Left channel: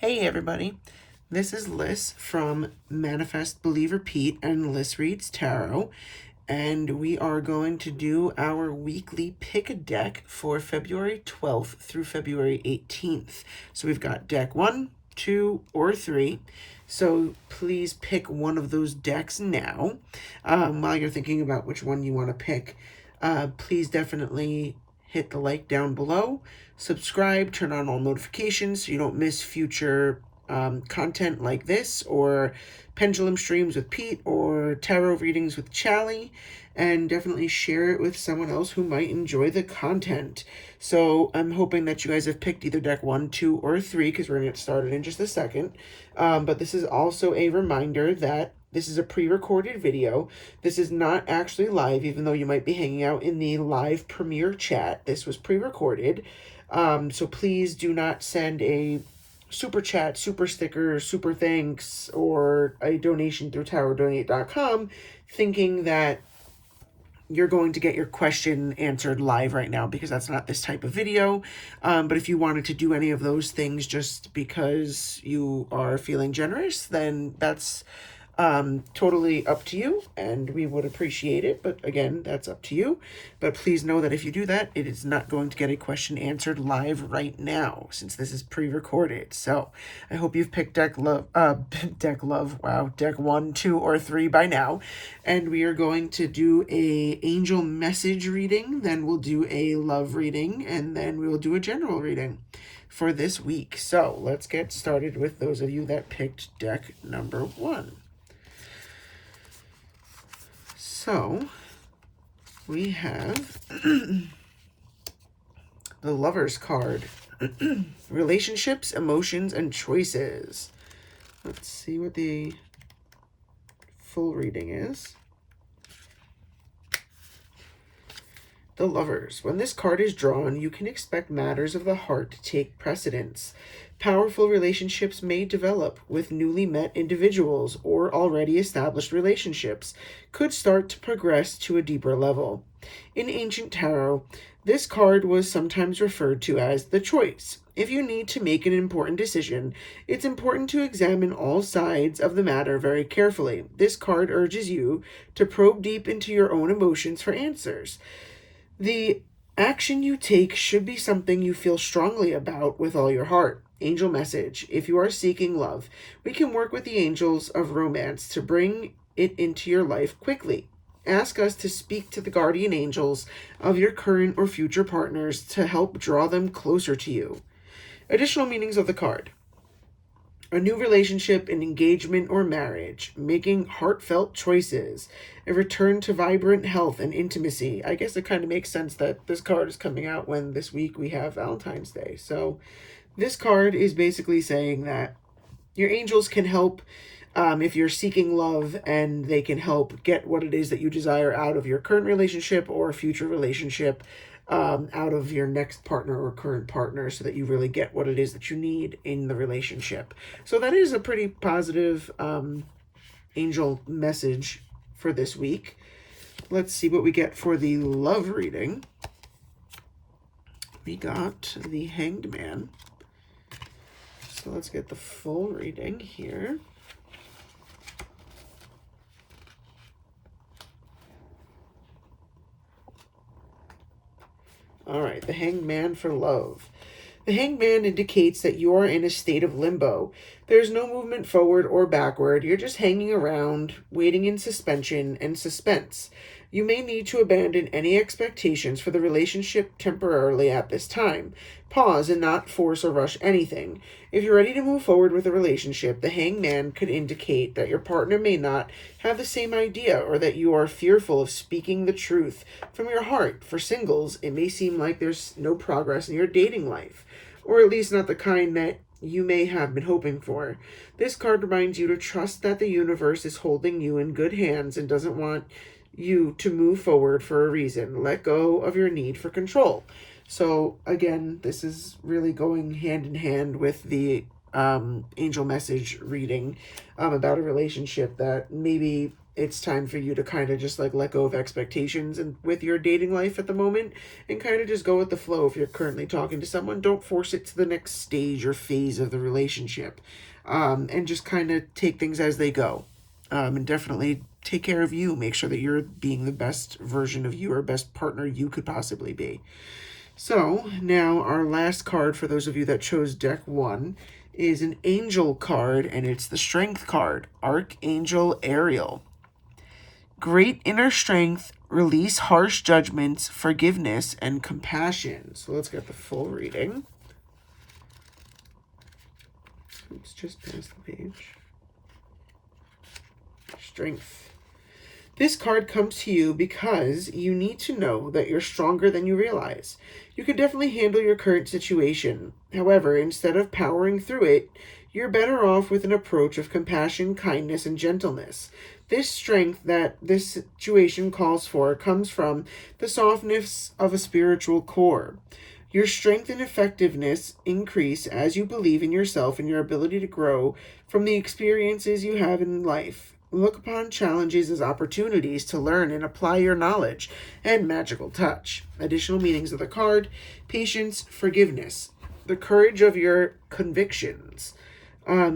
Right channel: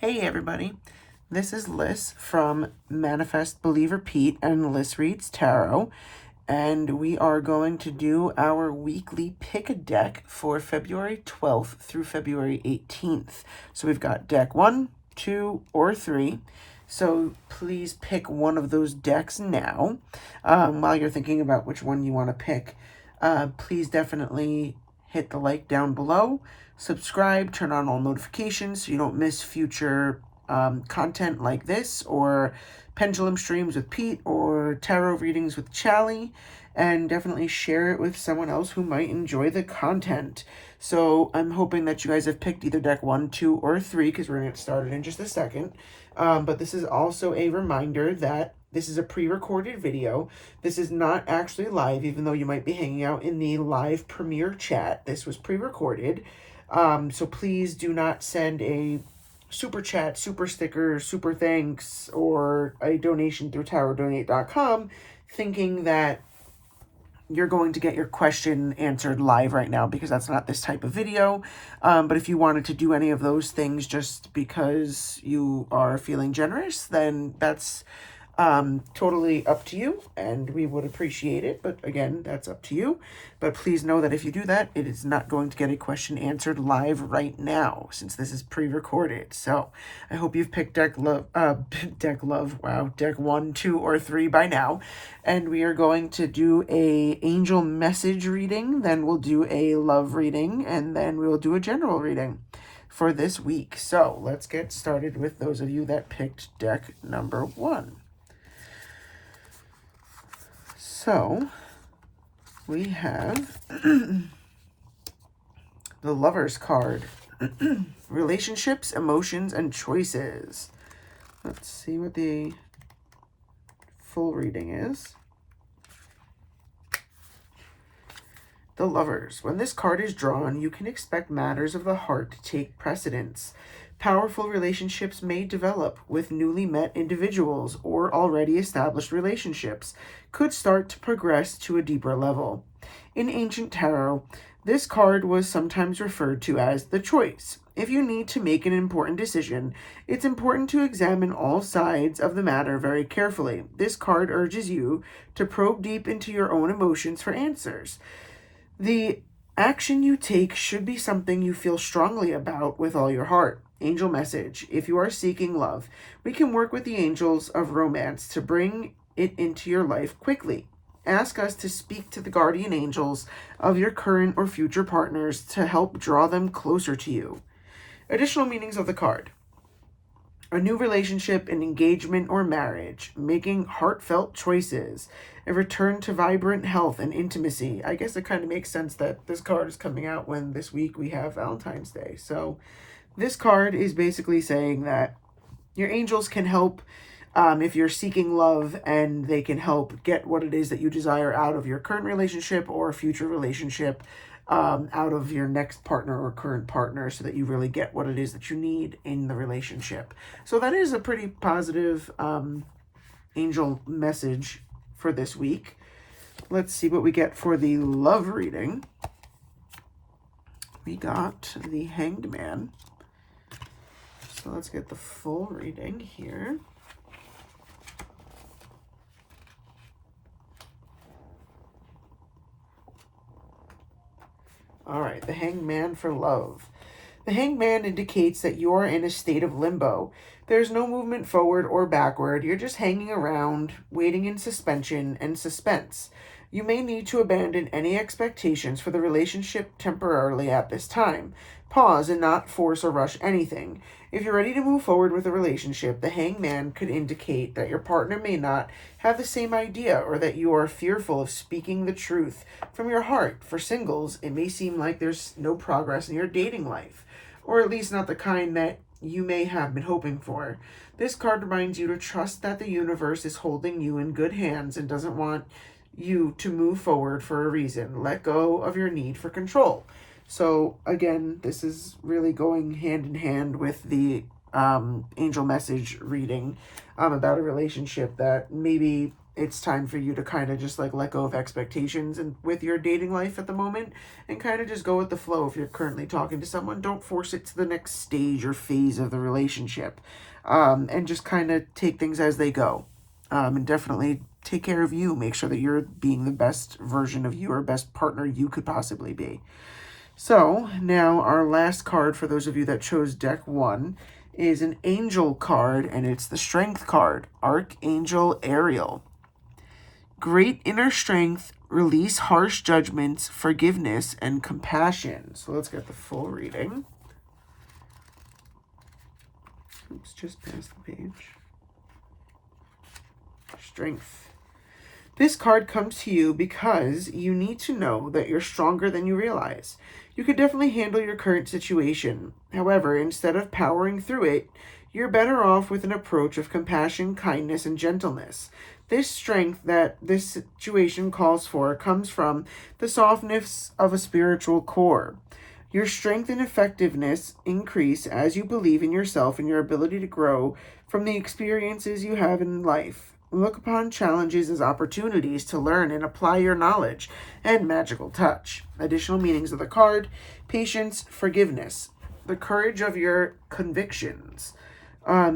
Hey everybody, this is Liz from Manifest Believer Pete and Liz Reads Tarot, and we are going to do our weekly pick a deck for February 12th through February 18th. So we've got deck 1, 2, or 3. So please pick one of those decks now. While you're thinking about which one you want to pick, please definitely hit the like down below, subscribe, turn on all notifications so you don't miss future content like this, or pendulum streams with Pete, or tarot readings with Chally, and definitely share it with someone else who might enjoy the content. So I'm hoping that you guys have picked either deck 1, 2, or 3, because we're going to get started in just a second. But this is also a reminder that this is a pre-recorded video. This is not actually live, even though you might be hanging out in the live premiere chat. This was pre-recorded. So please do not send a super chat, super sticker, super thanks, or a donation through tarotdonate.com thinking that you're going to get your question answered live right now, because that's not this type of video. But if you wanted to do any of those things just because you are feeling generous, then that's totally up to you, and we would appreciate it. But again, that's up to you. But please know that if you do that, it is not going to get a question answered live right now, since this is pre-recorded. So I hope you've picked deck 1, 2, or 3 by now. And we are going to do a angel message reading, then we'll do a love reading, and then we'll do a general reading for this week. So let's get started with those of you that picked deck number 1. So we have the Lover's card. Relationships, emotions, and choices. Let's see what the full reading is. The Lovers. When this card is drawn, you can expect matters of the heart to take precedence. Powerful relationships may develop with newly met individuals, or already established relationships could start to progress to a deeper level. In ancient tarot, this card was sometimes referred to as the choice. If you need to make an important decision, it's important to examine all sides of the matter very carefully. This card urges you to probe deep into your own emotions for answers. The action you take should be something you feel strongly about with all your heart. Angel message. If you are seeking love, we can work with the angels of romance to bring it into your life quickly. Ask us to speak to the guardian angels of your current or future partners to help draw them closer to you. Additional meanings of the card. A new relationship, an engagement or marriage, making heartfelt choices, a return to vibrant health and intimacy. I guess it kind of makes sense that this card is coming out when this week we have Valentine's Day. So this card is basically saying that your angels can help if you're seeking love, and they can help get what it is that you desire out of your current relationship or future relationship, out of your next partner or current partner, so that you really get what it is that you need in the relationship. So that is a pretty positive angel message for this week. Let's see what we get for the love reading. We got the Hanged Man. So let's get the full reading here. All right, the Hanged Man for love. The Hanged Man indicates that you are in a state of limbo. There's no movement forward or backward. You're just hanging around, waiting in suspension and suspense. You may need to abandon any expectations for the relationship temporarily at this time. Pause and not force or rush anything. If you're ready to move forward with a relationship, the Hanged Man could indicate that your partner may not have the same idea, or that you are fearful of speaking the truth from your heart. For singles, it may seem like there's no progress in your dating life, or at least not the kind that you may have been hoping for. This card reminds you to trust that the universe is holding you in good hands and doesn't want you to move forward for a reason. Let go of your need for control. So again, this is really going hand in hand with the angel message reading about a relationship that maybe it's time for you to kind of just like let go of expectations and with your dating life at the moment and kind of just go with the flow. If you're currently talking to someone, don't force it to the next stage or phase of the relationship, and just kind of take things as they go, and definitely take care of you. Make sure that you're being the best version of you or best partner you could possibly be. So now our last card for those of you that chose deck 1 is an angel card, and it's the strength card, Archangel Ariel. Great inner strength, release harsh judgments, forgiveness, and compassion. So let's get the full reading. Oops, just past the page. Strength. This card comes to you because you need to know that you're stronger than you realize. You can definitely handle your current situation. However, instead of powering through it, you're better off with an approach of compassion, kindness, and gentleness. This strength that this situation calls for comes from the softness of a spiritual core. Your strength and effectiveness increase as you believe in yourself and your ability to grow from the experiences you have in life. Look upon challenges as opportunities to learn and apply your knowledge and magical touch. Additional meanings of the card: patience, forgiveness, the courage of your convictions,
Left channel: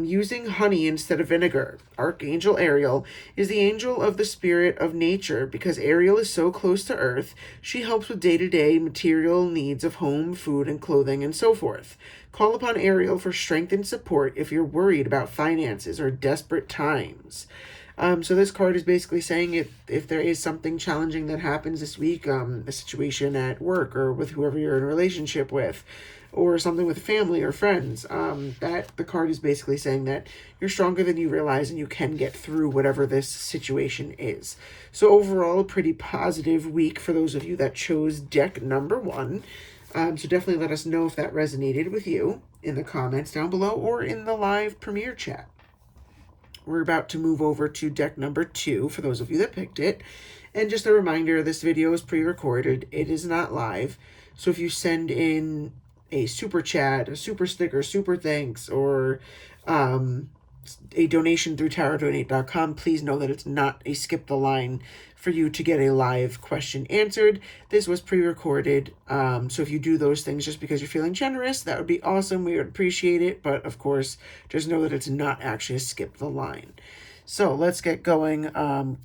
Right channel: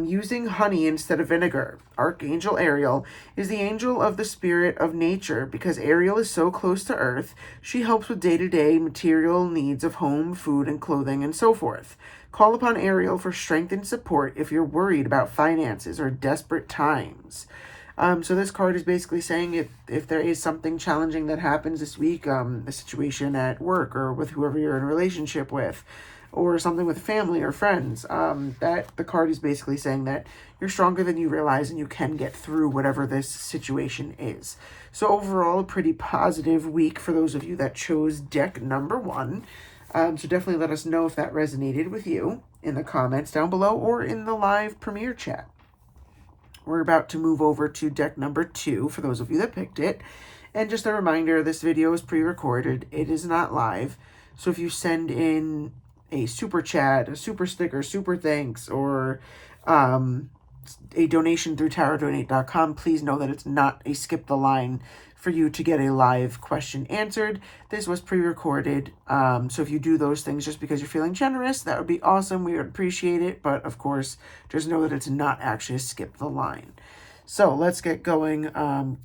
using honey instead of vinegar. Archangel Ariel is the angel of the spirit of nature. Because Ariel is so close to Earth, she helps with day-to-day material needs of home, food, and clothing, and so forth. Call upon Ariel for strength and support if you're worried about finances or desperate times. So this card is basically saying if there is something challenging that happens this week, a situation at work or with whoever you're in a relationship with, or something with family or friends, that the card is basically saying that you're stronger than you realize and you can get through whatever this situation is. So overall, a pretty positive week for those of you that chose deck number 1. So definitely let us know if that resonated with you in the comments down below or in the live premiere chat. We're about to move over to deck number 2 for those of you that picked it. And just a reminder, this video is pre-recorded. It is not live. So if you send in a super chat, a super sticker, super thanks, or a donation through tarotdonate.com, please know that it's not a skip the line for you to get a live question answered. This was pre-recorded, so if you do those things just because you're feeling generous, that would be awesome. We would appreciate it, but of course, just know that it's not actually a skip the line. So let's get going.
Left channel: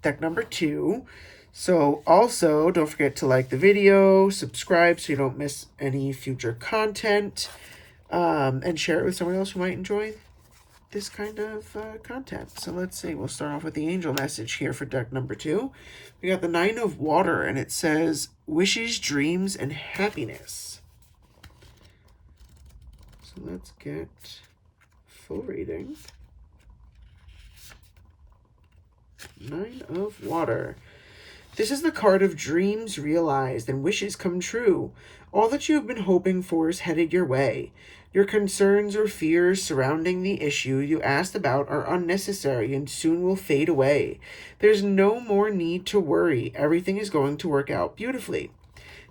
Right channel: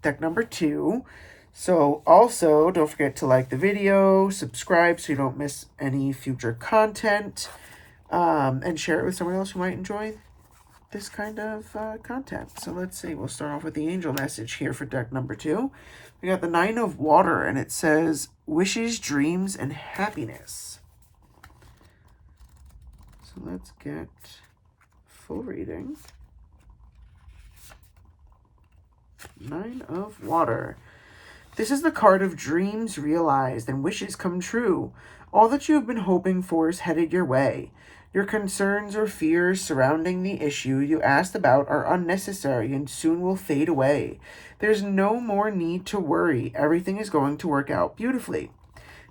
Deck number 2. So also, don't forget to like the video, subscribe so you don't miss any future content, and share it with someone else who might enjoy this kind of content. So let's see, we'll start off with the angel message here for deck number 2. We got the 9 of Water, and it says, wishes, dreams, and happiness. So let's get full reading. 9 of Water. This is the card of dreams realized and wishes come true. All that you have been hoping for is headed your way. Your concerns or fears surrounding the issue you asked about are unnecessary and soon will fade away. There's no more need to worry. Everything is going to work out beautifully.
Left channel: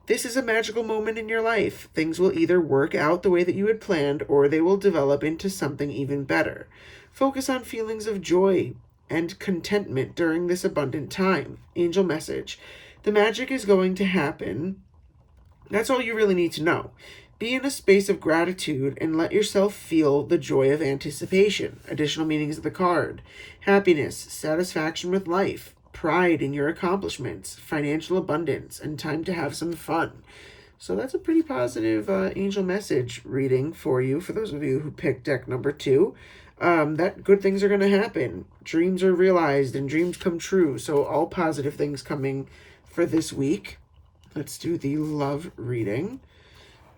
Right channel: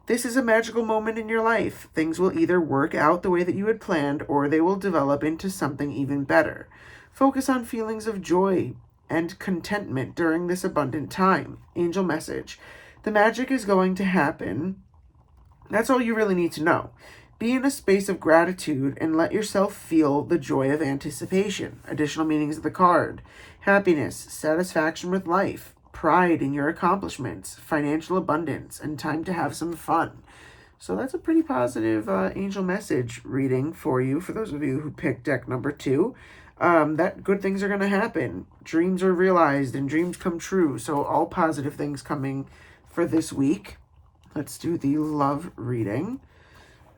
This is a magical moment in your life. Things will either work out the way that you had planned or they will develop into something even better. Focus on feelings of joy and contentment during this abundant time. Angel message: the magic is going to happen. That's all you really need to know. Be in a space of gratitude and let yourself feel the joy of anticipation. Additional meanings of the card: happiness, satisfaction with life, pride in your accomplishments, financial abundance, and time to have some fun. So that's a pretty positive angel message reading for you, for those of you who picked deck number 2. That good things are going to happen. Dreams are realized and dreams come true. So all positive things coming for this week. Let's do the love reading.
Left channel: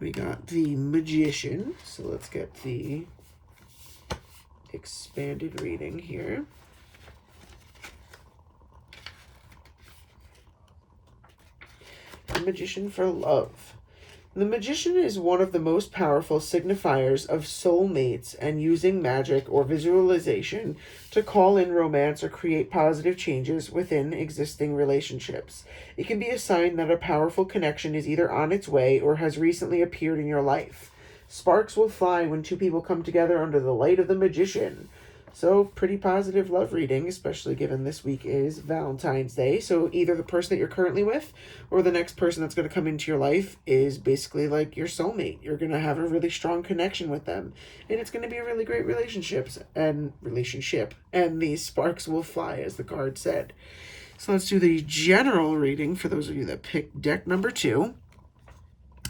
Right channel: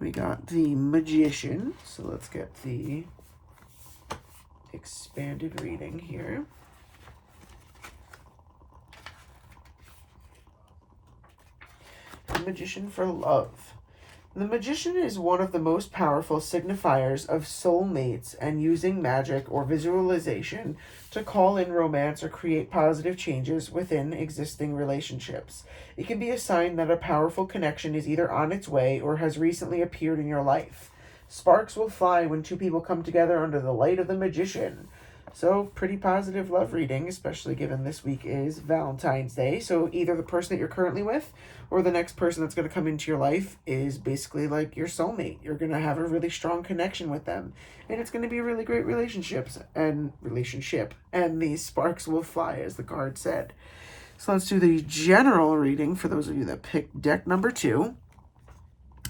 We got the Magician. So let's get the expanded reading here. The Magician for love. The Magician is one of the most powerful signifiers of soulmates and using magic or visualization to call in romance or create positive changes within existing relationships. It can be a sign that a powerful connection is either on its way or has recently appeared in your life. Sparks will fly when two people come together under the light of the Magician. So, pretty positive love reading, especially given this week is Valentine's Day. So, either the person that you're currently with or the next person that's going to come into your life is basically like your soulmate. You're going to have a really strong connection with them, and it's going to be a really great relationship, and these sparks will fly, as the card said. So, let's do the general reading for those of you that picked deck number 2.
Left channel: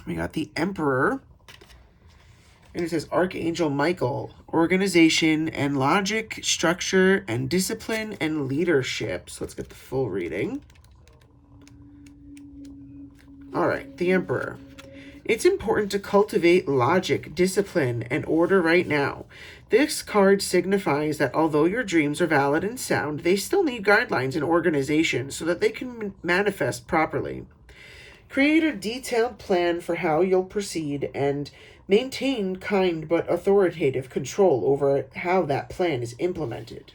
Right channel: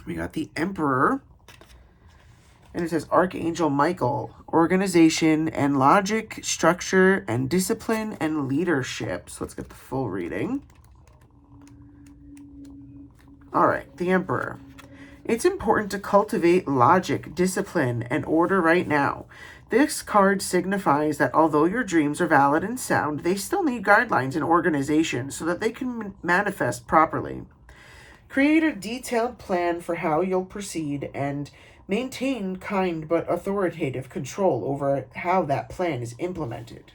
We got the Emperor. And it says Archangel Michael, organization and logic, structure and discipline and leadership. So let's get the full reading. All right, the Emperor. It's important to cultivate logic, discipline, and order right now. This card signifies that although your dreams are valid and sound, they still need guidelines and organization so that they can manifest properly. Create a detailed plan for how you'll proceed and maintain kind but authoritative control over how that plan is implemented.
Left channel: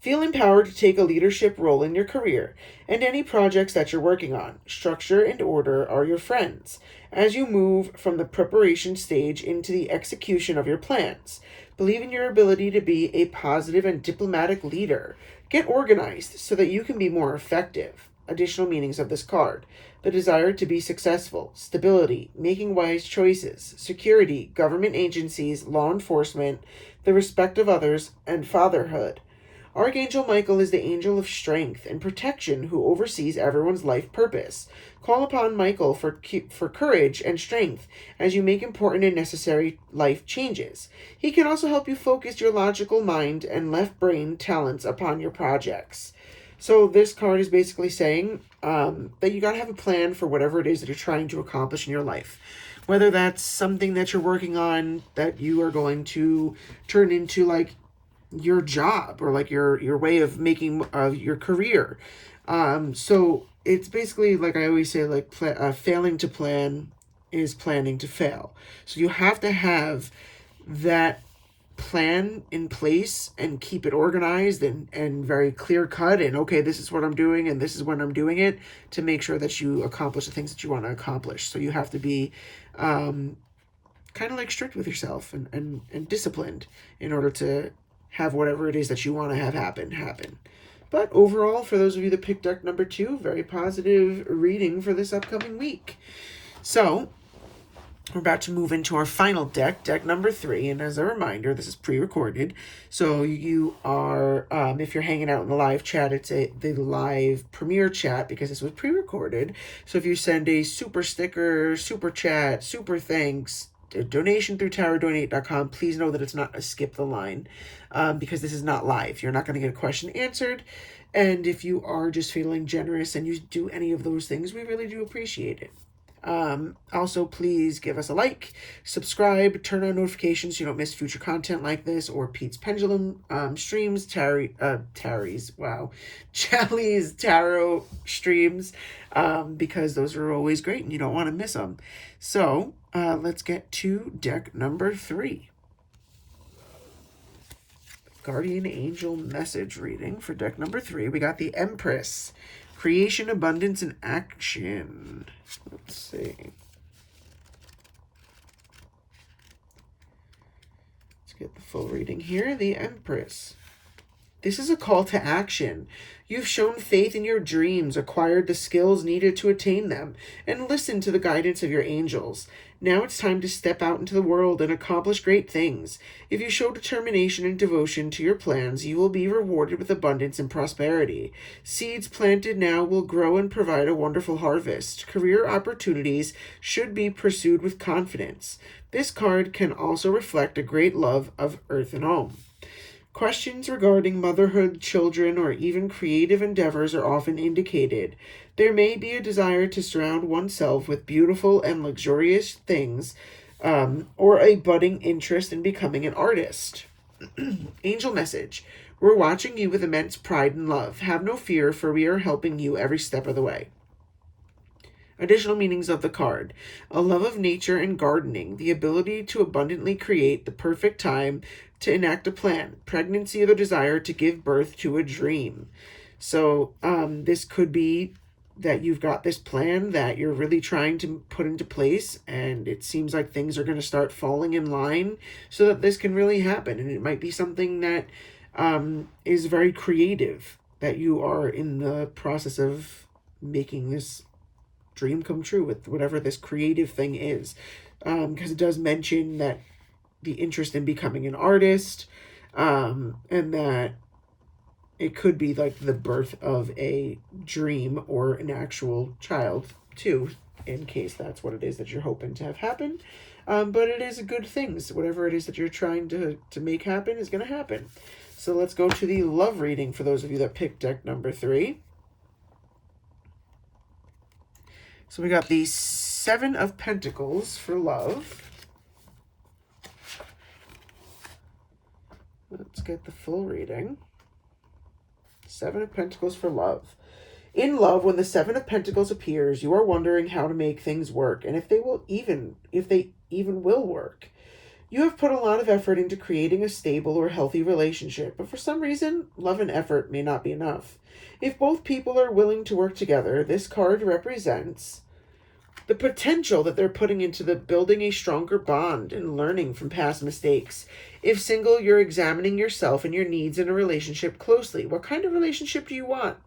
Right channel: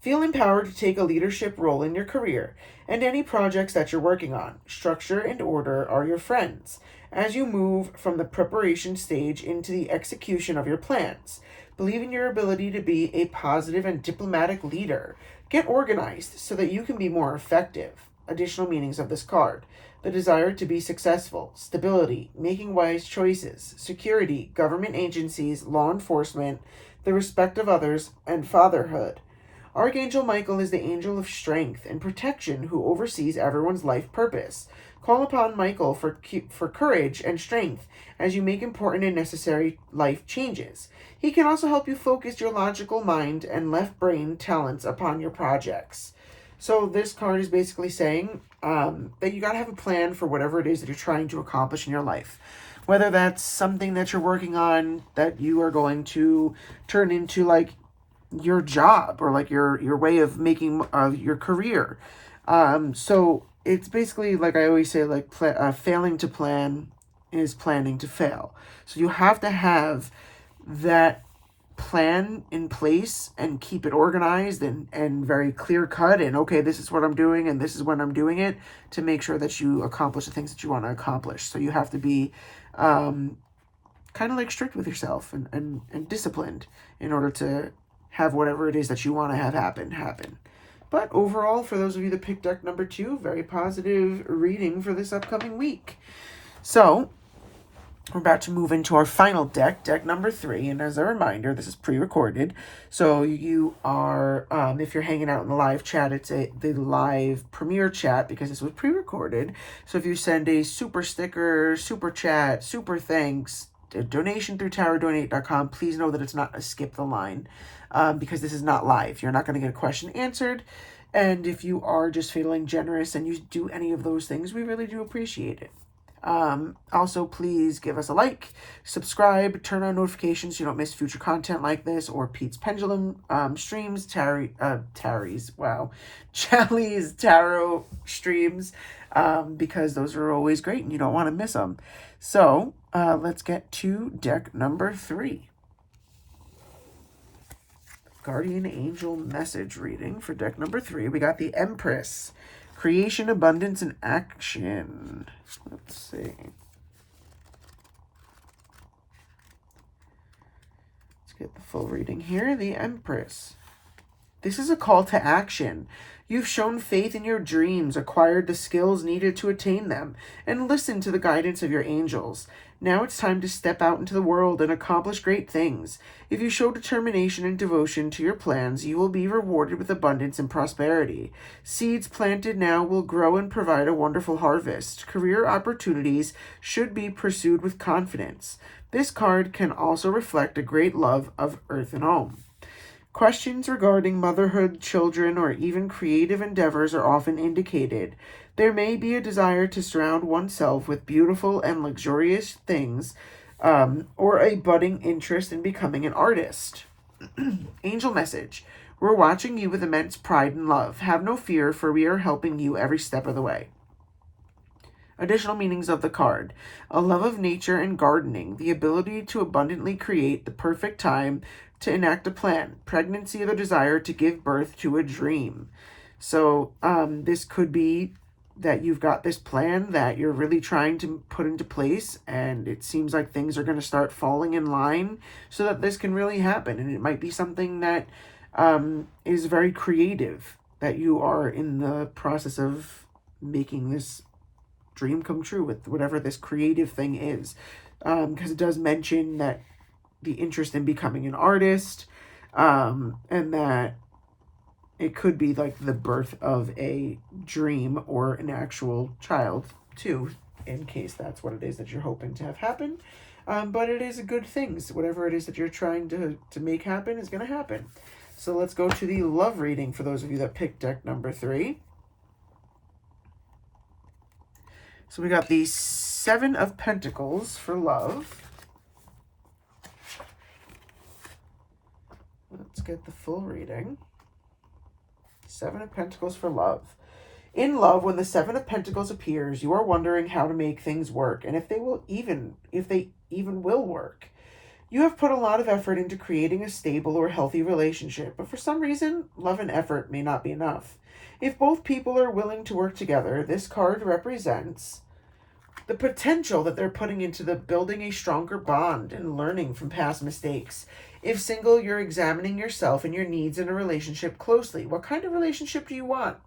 Feel empowered to take a leadership role in your career and any projects that you're working on. Structure and order are your friends as you move from the preparation stage into the execution of your plans. Believe in your ability to be a positive and diplomatic leader. Get organized so that you can be more effective. Additional meanings of this card: the desire to be successful, stability, making wise choices, security, government agencies, law enforcement, the respect of others, and fatherhood. Archangel Michael is the angel of strength and protection who oversees everyone's life purpose. Call upon Michael for courage and strength as you make important and necessary life changes. He can also help you focus your logical mind and left brain talents upon your projects. So this card is basically saying that you got to have a plan for whatever it is that you're trying to accomplish in your life. Whether that's something that you're working on that you are going to turn into like your job or like your way of making your career. So it's basically like I always say, like failing to plan is planning to fail. So you have to have that plan in place and keep it organized and very clear cut, and okay, this is what I'm doing and this is when I'm doing it, to make sure that you accomplish the things that you want to accomplish. So you have to be kind of like strict with yourself and disciplined in order to have whatever it is that you want to have happen. But overall, for those of you that picked deck number 2, very positive reading for this upcoming week. So we're about to move into our final deck, deck number 3. And as a reminder, this is pre-recorded. So you are, if you're hanging out in the live chat, it's the live premiere chat because this was pre-recorded. So if you send a super sticker, super chat, super thanks, a donation through tarotdonate.com, please know that it's not a skip the line because this is not live. You're not going to get a question answered. And if you are just feeling generous and you do any of those things, we really do appreciate it. Also, please give us a like, subscribe, turn on notifications so you don't miss future content like this or Pete's Pendulum streams, Charlie's tarot streams, because those are always great and you don't want to miss them. So let's get to deck number 3. Guardian Angel message reading for deck number 3. We got the Empress. Creation, abundance, and action. Let's see. Let's get the full reading here. The Empress. This is a call to action. You've shown faith in your dreams, acquired the skills needed to attain them, and listened to the guidance of your angels. Now it's time to step out into the world and accomplish great things. If you show determination and devotion to your plans, you will be rewarded with abundance and prosperity. Seeds planted now will grow and provide a wonderful harvest. Career opportunities should be pursued with confidence. This card can also reflect a great love of earth and home. Questions regarding motherhood, children, or even creative endeavors are often indicated. There may be a desire to surround oneself with beautiful and luxurious things, or a budding interest in becoming an artist. Angel message. We're watching you with immense pride and love. Have no fear, for we are helping you every step of the way. Additional meanings of the card: a love of nature and gardening, the ability to abundantly create, the perfect time to enact a plan, pregnancy, or the desire to give birth to a dream. So this could be that you've got this plan that you're really trying to put into place, and it seems like things are going to start falling in line so that this can really happen. And it might be something that is very creative, that you are in the process of making this dream come true with whatever this creative thing is. Because it does mention that the interest in becoming an artist, and that it could be like the birth of a dream or an actual child too, in case that's what it is that you're hoping to have happen. But it is a good thing. So whatever it is that you're trying to make happen is going to happen. So let's go to the love reading for those of you that picked deck number 3. So we got the 7 of Pentacles for love. Let's get the full reading. 7 of Pentacles for love. In love, when the 7 of Pentacles appears, you are wondering how to make things work and if they even will work. You have put a lot of effort into creating a stable or healthy relationship, but for some reason, love and effort may not be enough. If both people are willing to work together, this card represents the potential that they're putting into the building a stronger bond and learning from past mistakes. If single, you're examining yourself and your needs in a relationship closely. What kind of relationship do you want?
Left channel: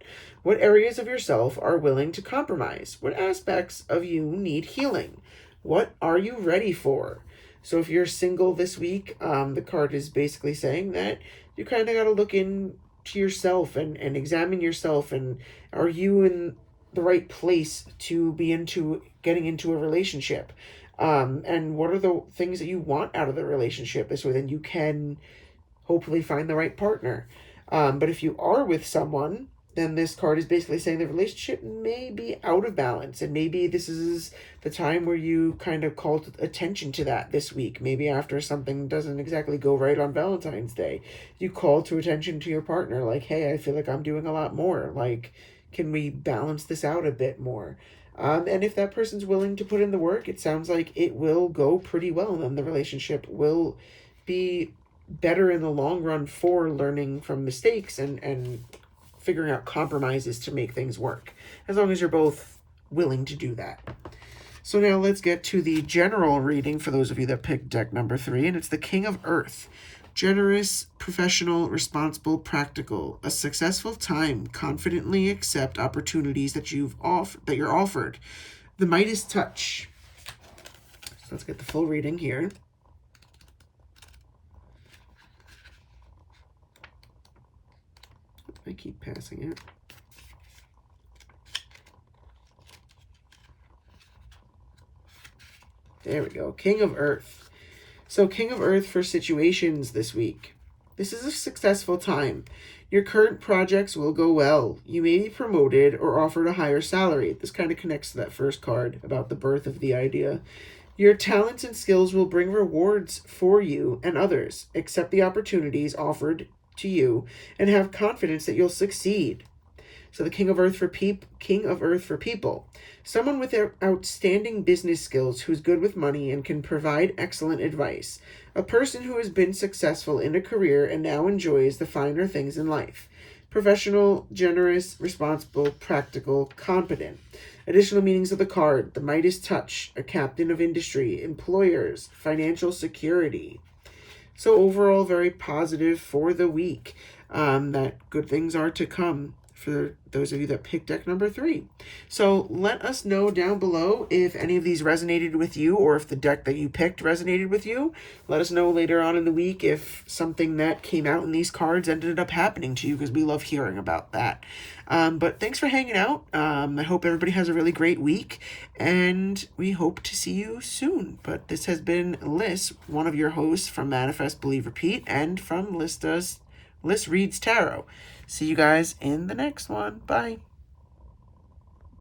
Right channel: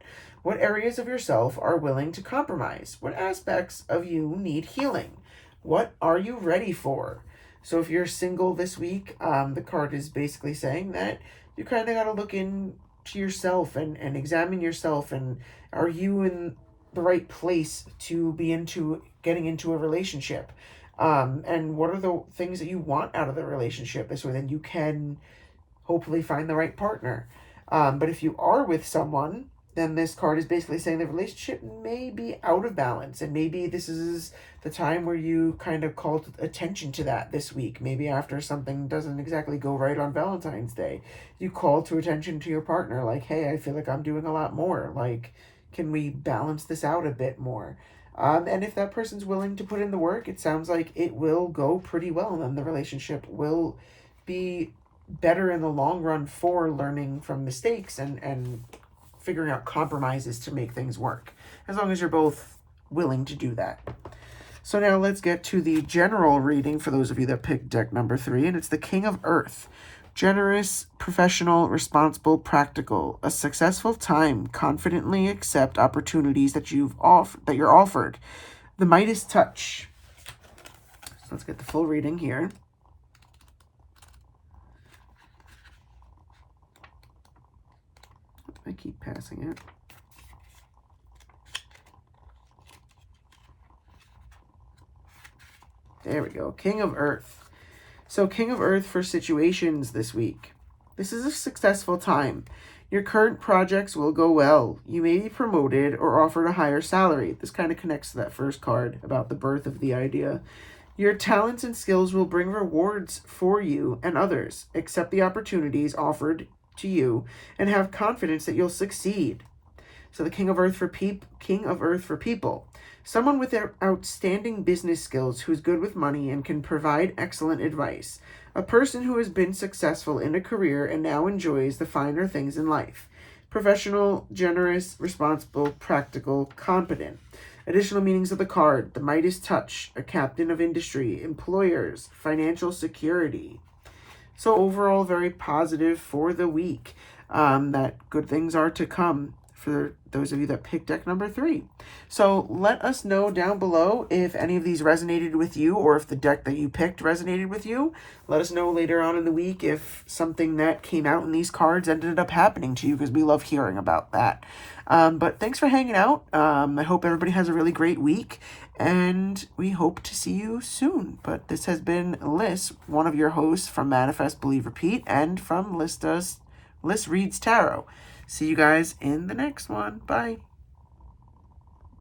What areas of yourself are willing to compromise? What aspects of you need healing? What are you ready for? So if you're single this week, the card is basically saying that you kind of got to look into yourself and examine yourself. And are you in the right place to be getting into a relationship? And what are the things that you want out of the relationship? This way then you can hopefully find the right partner. But if you are with someone, then this card is basically saying the relationship may be out of balance, and maybe this is the time where you kind of call attention to that this week. Maybe after something doesn't exactly go right on Valentine's Day, you call to attention to your partner, like, hey, I feel like I'm doing a lot more. Like, can we balance this out a bit more? And if that person's willing to put in the work, it sounds like it will go pretty well, and then the relationship will be better in the long run for learning from mistakes and figuring out compromises to make things work, as long as you're both willing to do that. So now let's get to the general reading for those of you that picked deck number 3, and it's the King of Earth. Generous, professional, responsible, practical. A successful time. Confidently accept opportunities that you're offered. The Midas touch. So let's get the full reading here. I keep passing it. There we go. King of Earth. So King of Earth for situations this week. This is a successful time. Your current projects will go well. You may be promoted or offered a higher salary. This kind of connects to that first card about the birth of the idea. Your talents and skills will bring rewards for you and others. Accept the opportunities offered to you and have confidence that you'll succeed. So the King of Earth for people. Someone with outstanding business skills who's good with money and can provide excellent advice. A person who has been successful in a career and now enjoys the finer things in life. Professional, generous, responsible, practical, competent. Additional meanings of the card: the Midas touch, a captain of industry, employers, financial security. So overall, very positive for the week. That good things are to come for those of you that picked deck number 3. So let us know down below if any of these resonated with you, or if the deck that you picked resonated with you. Let us know later on in the week if something that came out in these cards ended up happening to you, because we love hearing about that. But thanks for hanging out. I hope everybody has a really great week, and we hope to see you soon. But this has been Liz, one of your hosts from Manifest, Believe, Repeat, and from Liz Reads Tarot. See you guys in the next one. Bye.